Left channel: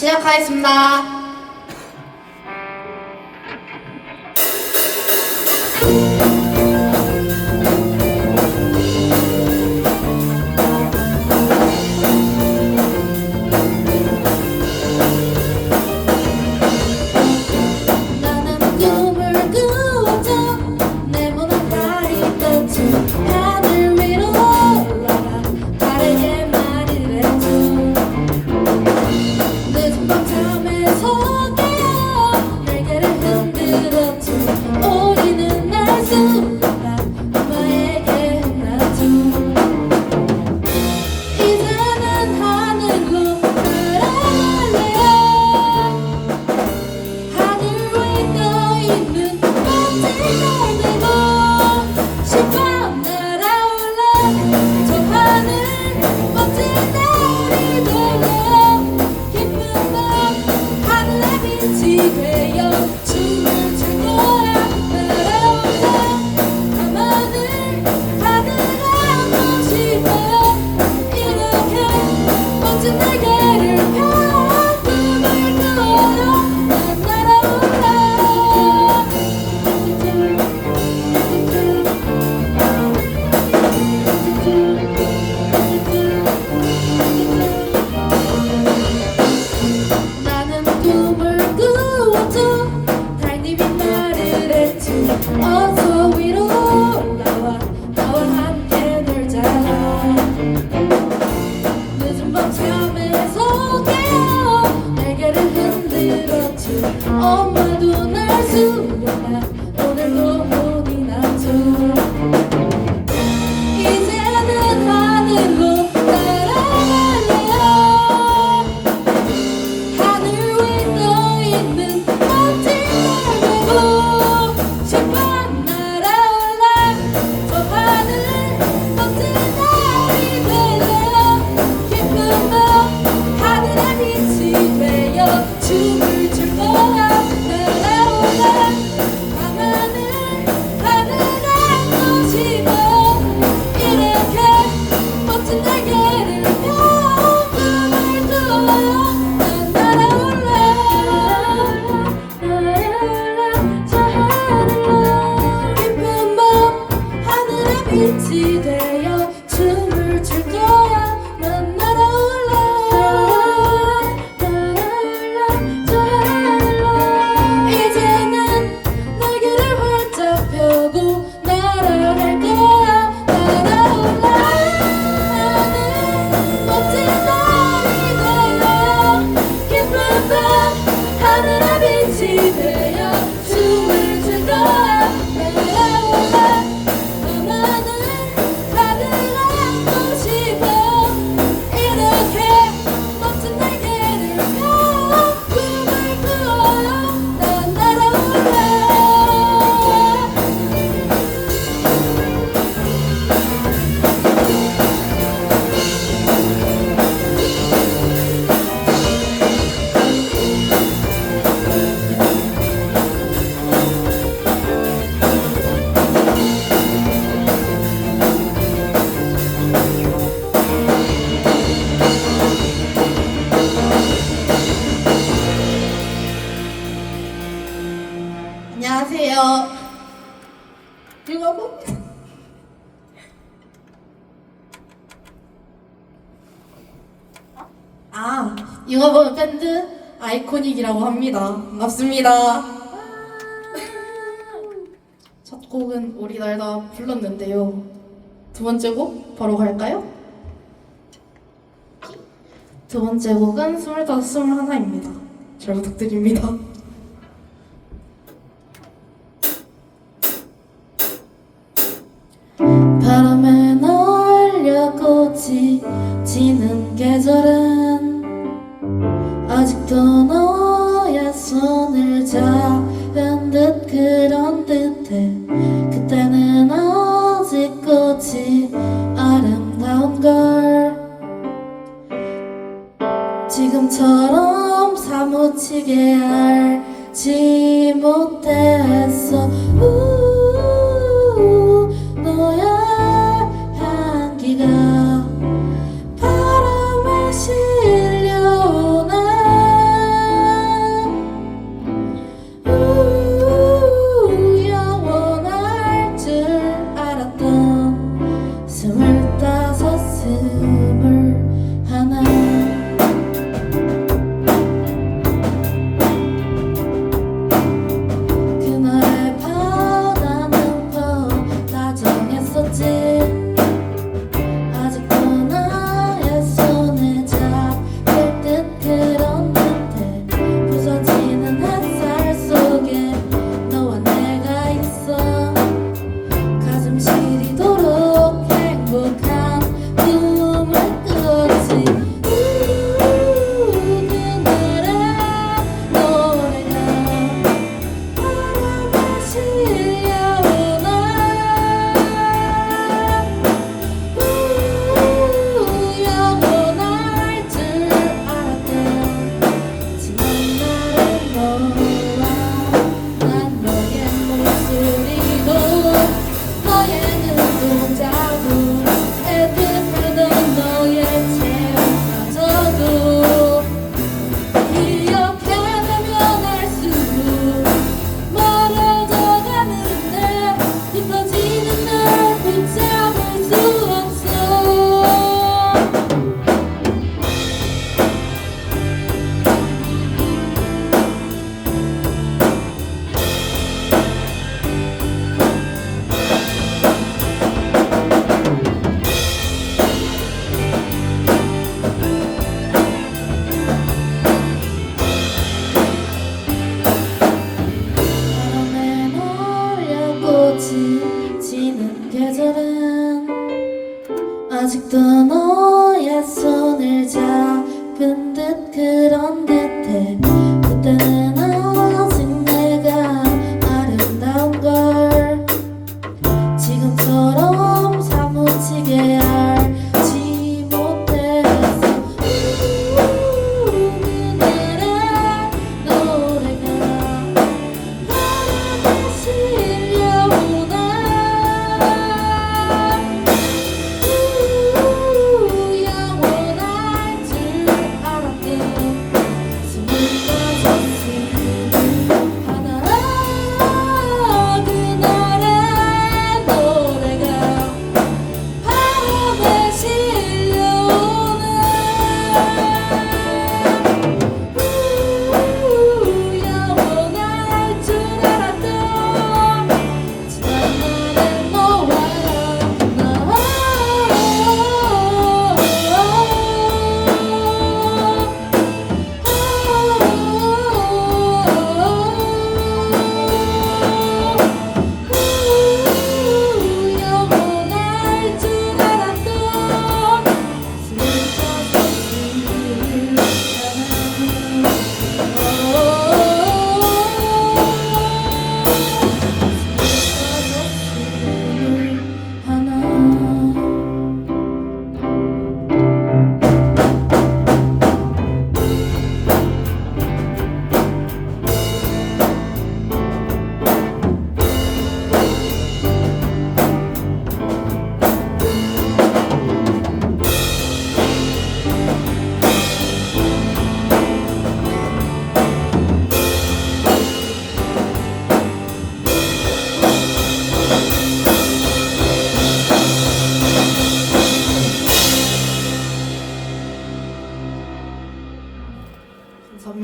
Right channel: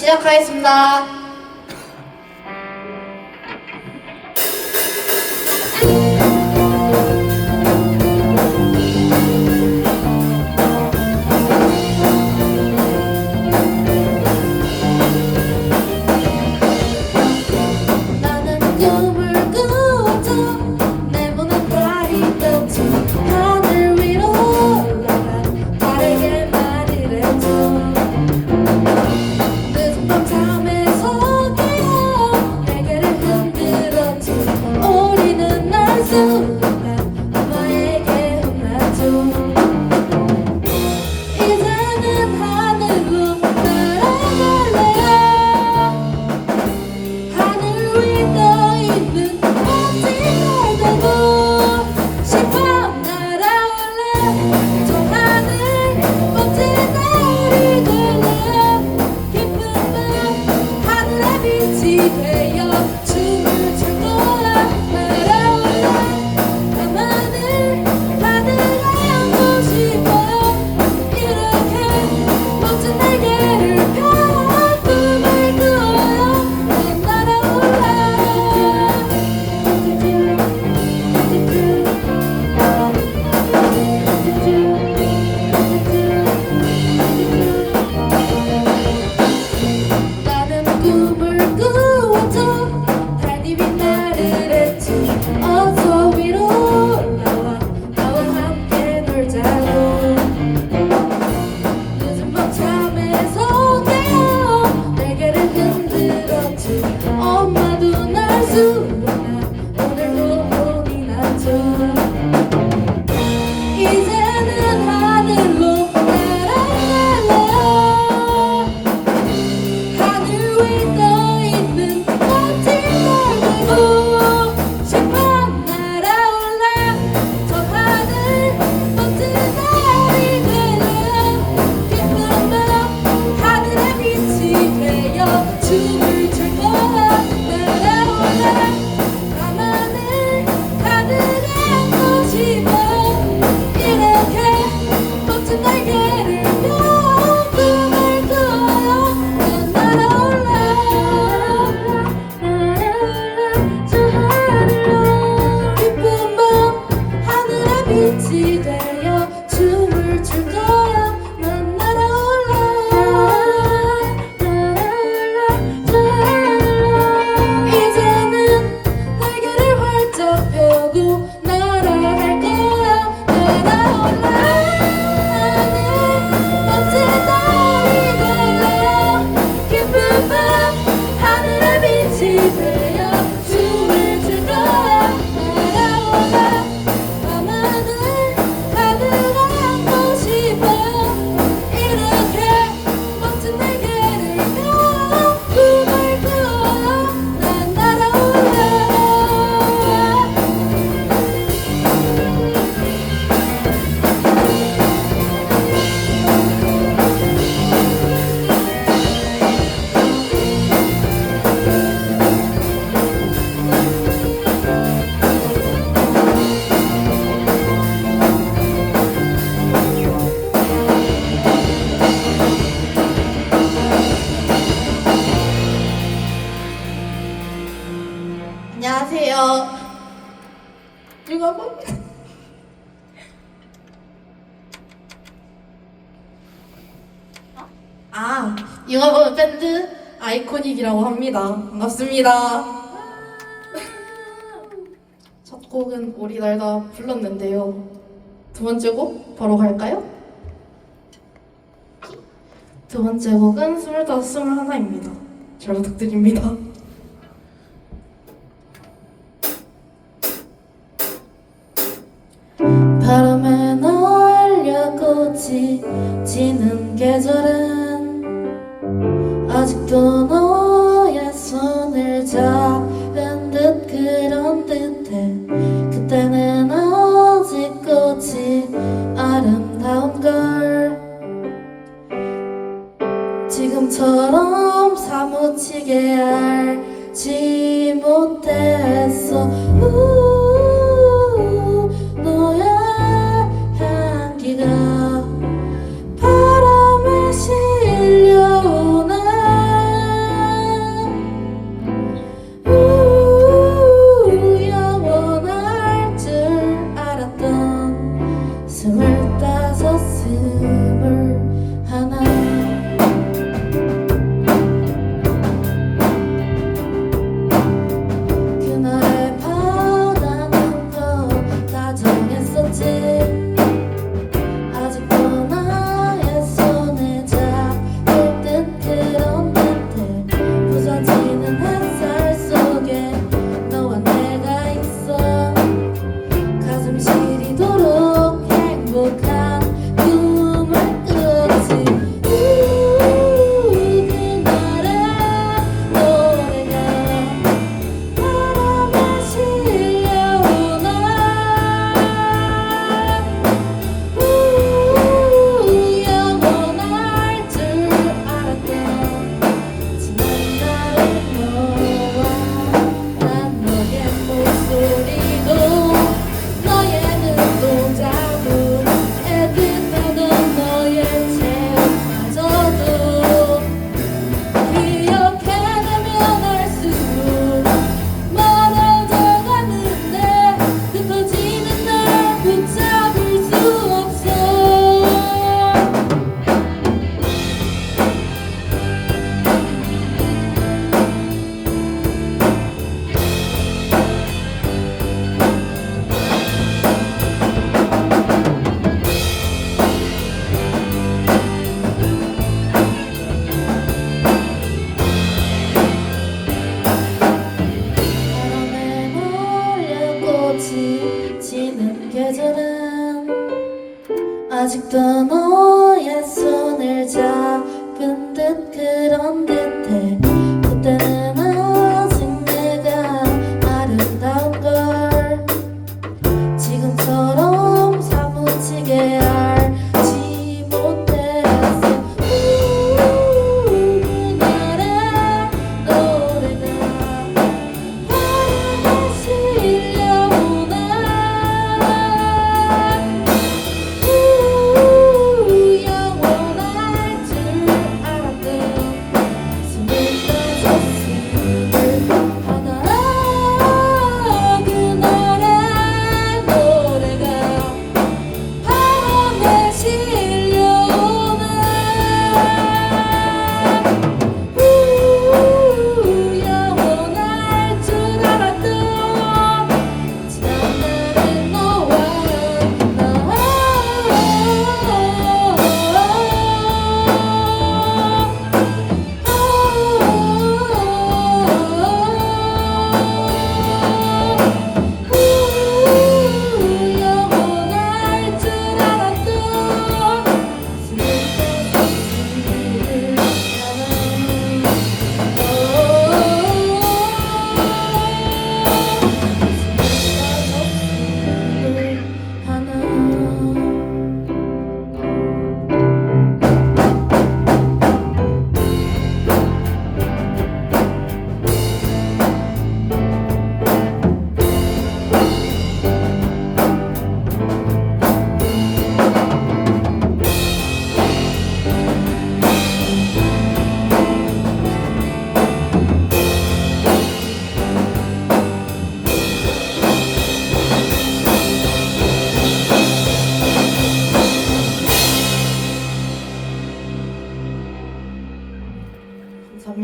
시작하겠습니다. Oh. 아이코닉이라고 합니다. 반갑습니다. 첫 곡은 우리 날다 불렀는데요. 두 번째 곡 바로 갈까요? 두 번째 곡은 25, 21입니다. 잘 부탁드립니다. 바람에 날려 꽃이 지는 계절은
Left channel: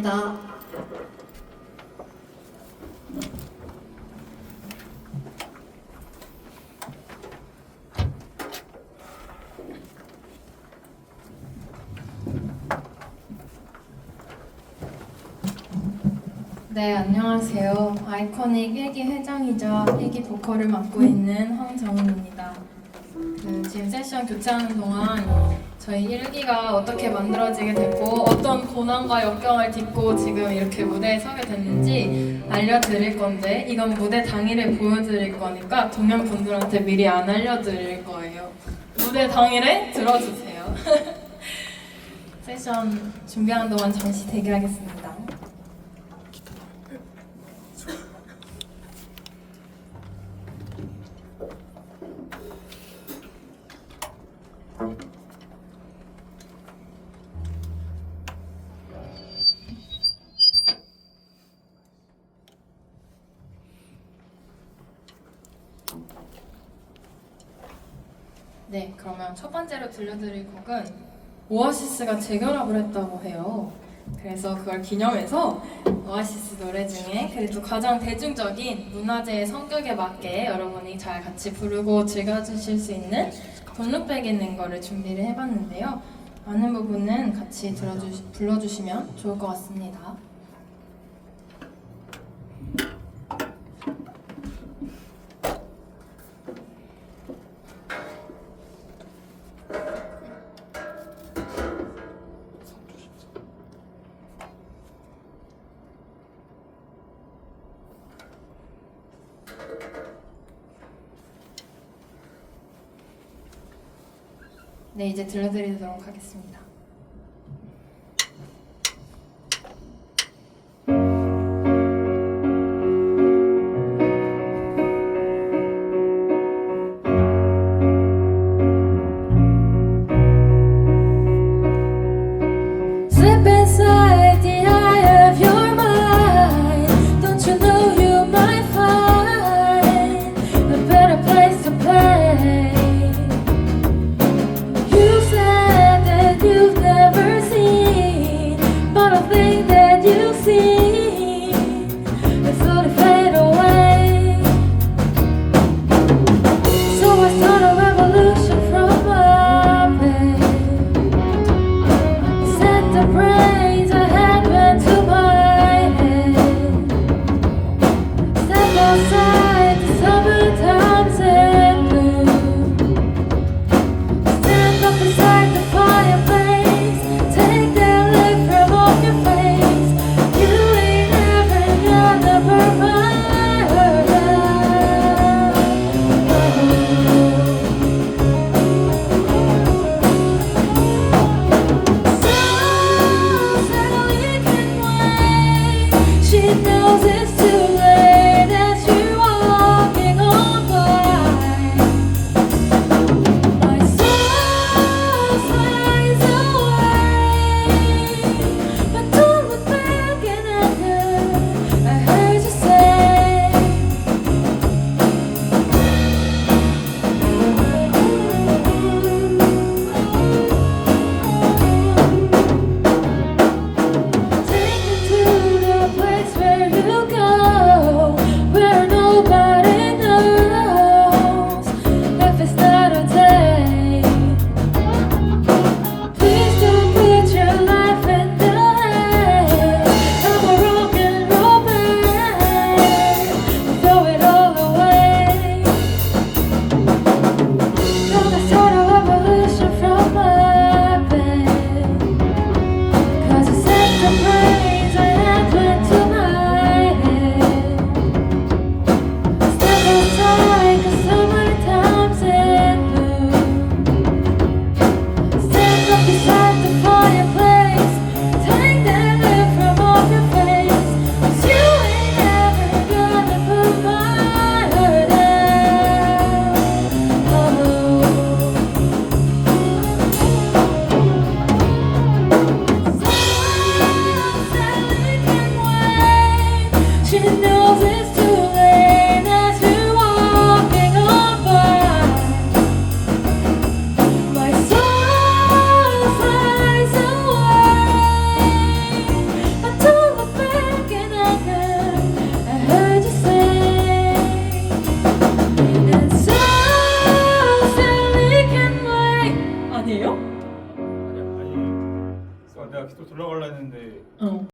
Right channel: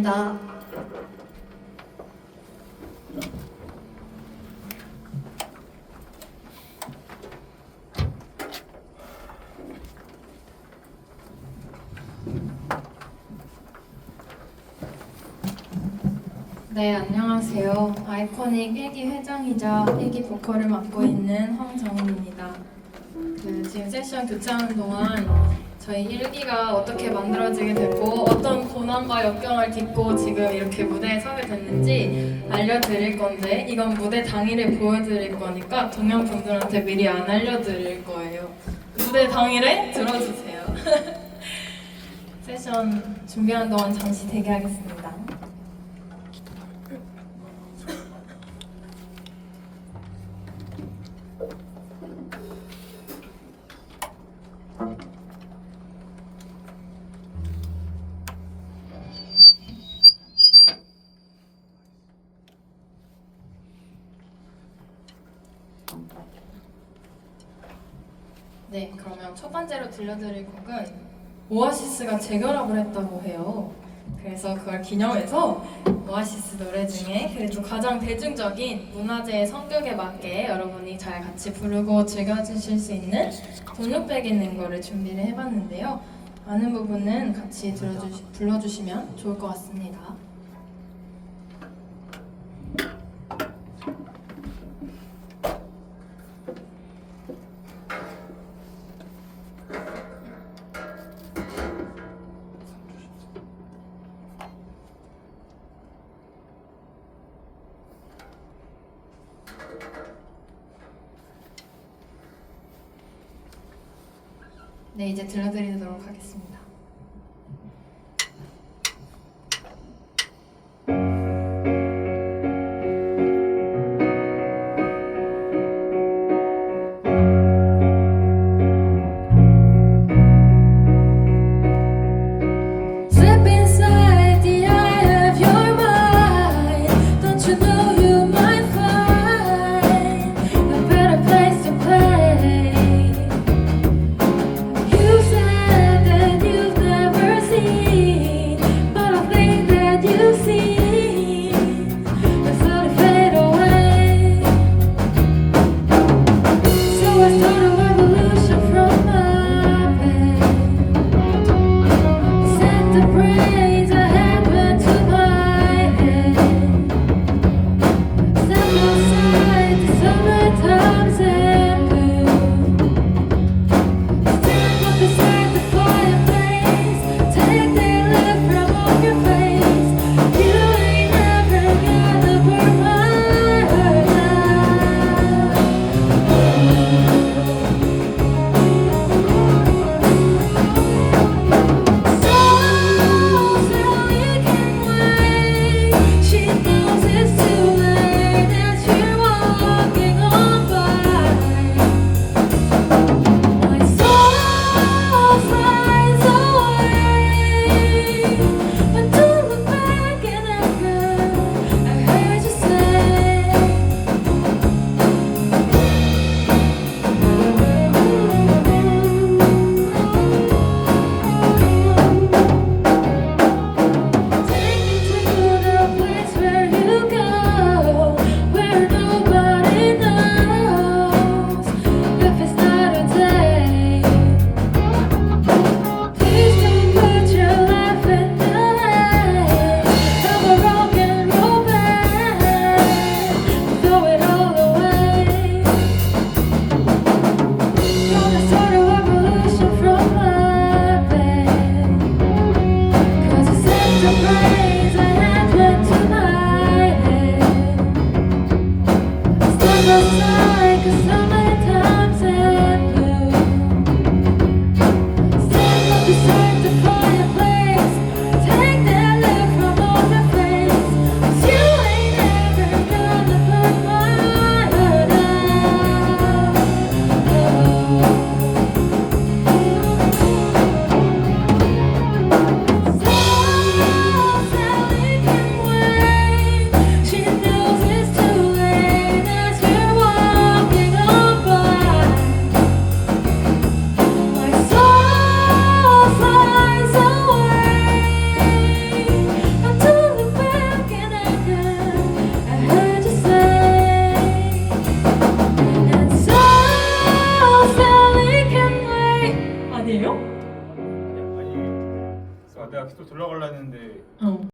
감사합니다. 네, 안녕하세요. 아이코닉 1기 회장이자 1기 보컬을 맡고 있는 황정은입니다. 그 지금 세션 교체하는 동안 저희 1기가 어떻게 만들어지게 됐고 어떤 고난과 역경을 딛고 지금 이렇게 무대에 서게 됐는지 알려드릴 건데 이건 무대 당일에 보여드릴 거니까 동양 분들한테 미리 안 알려드릴 거예요. 무대 당일에 들어주세요. 세션 준비하는 동안 잠시 대기하겠습니다. 네, 그러면 첫 번째로 들려드릴 곡은 오아시스가 재결합을 했다고 해요. 그래서 그걸 기념해서 오아시스 노래 중에 그래도 가장 대중적인 문화재의 성격에 맞게 여러분이 잘 같이 부르고 즐겨주실 수 있는 돈룩백 있는 거를 준비를 해봤는데요. 많은 부분은 같이 들어주시, 불러주시면 좋을 것 같습니다. 네, 이제 들려드리도록 하겠습니다.